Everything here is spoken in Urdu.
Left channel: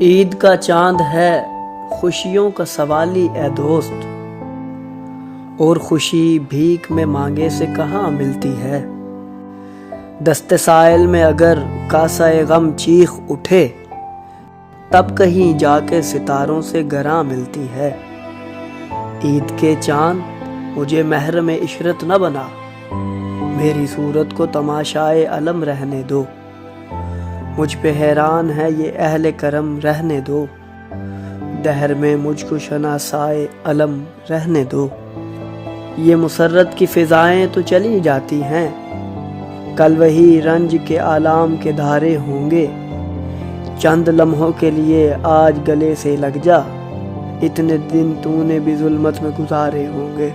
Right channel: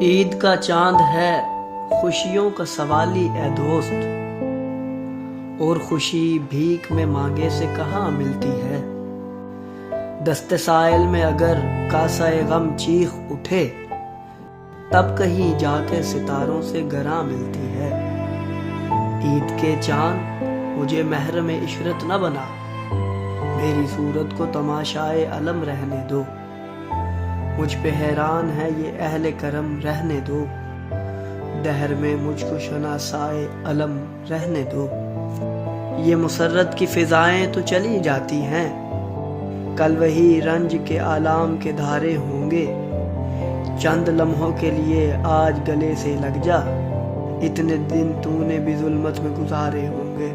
عید کا چاند ہے خوشیوں کا سوالی اے دوست، اور خوشی بھیک میں مانگے سے کہاں ملتی ہے۔ دست سائل میں اگر کاسہ غم چیخ اٹھے، تب کہیں جا کے ستاروں سے گراں ملتی ہے۔ عید کے چاند مجھے محرم عشرت نہ بنا، میری صورت کو تماشائے علم رہنے دو۔ مجھ پہ حیران ہے یہ اہل کرم رہنے دو، دہر میں مجھ کو شناسائے علم رہنے دو۔ یہ مسرت کی فضائیں تو چلی جاتی ہیں، کل وہی رنج کے آلام کے دھارے ہوں گے۔ چند لمحوں کے لیے آج گلے سے لگ جا، اتنے دن تو نے بھی ظلمت میں گزارے ہوں گے۔